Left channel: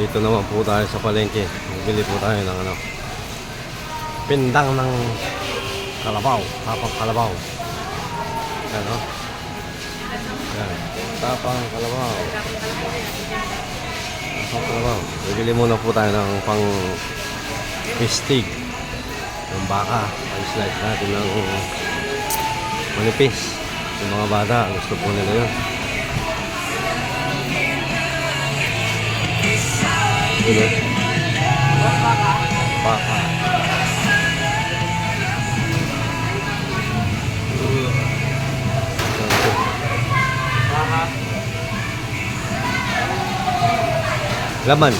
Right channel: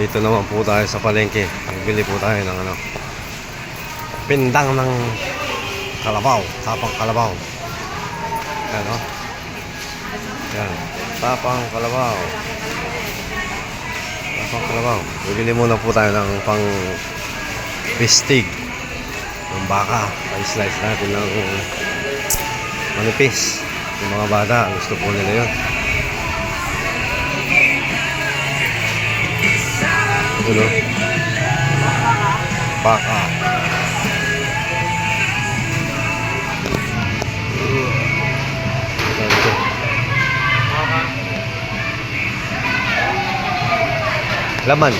Dito naman po tayo sa palengke. Bili po tayo ng ano, pindang ng kalabaw, tapang kalabaw. Yan o. Yan, tapang kalabaw. Tapang kalabaw. Bibili muna po tayo ng pang pistig ng baka. Pa-slice natin ng manipis. Yung mga bata, gusto po nila yun. Ito, baka. Laman.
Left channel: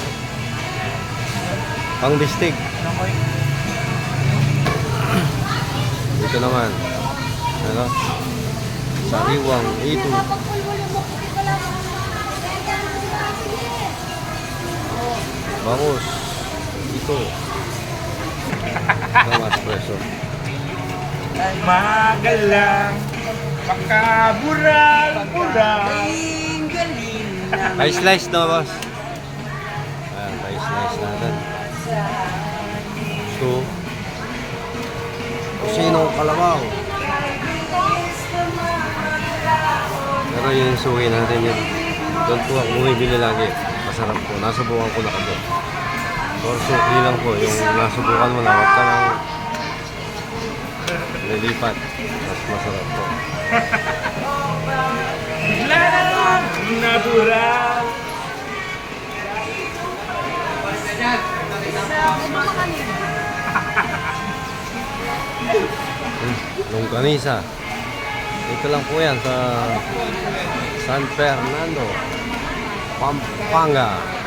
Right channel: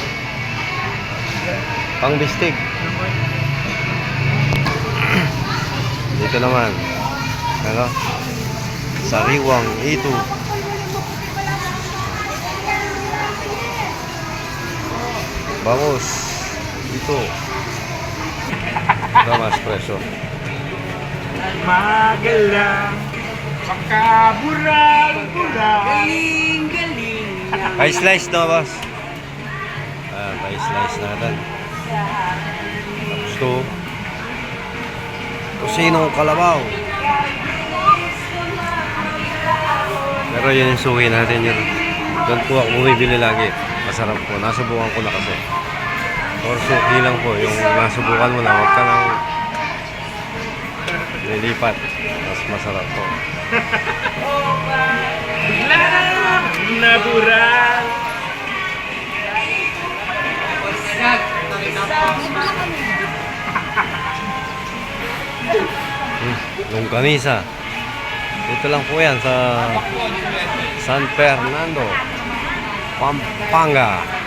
Pang bistig. Dito naman. Ano? Sariwang ito. Bangus. Ito. Ito mas preso. Magalang. Pagkabural-bural. Galing-galing. Pa-slice na, boss. Ayan, pa-slice natin. Ito. Tosinong kalabaw. Pero yun yung suki natin yun. Doon po ako bumibili lagi. Masarap po. Nasubukan ko na kasi. Or suki lang po. Yung nasubukan mo na, huwag ka nang lilipat. Mas masarap po. Natural. Longganisa. Dito lang po yan sa San Fernando, Pampanga.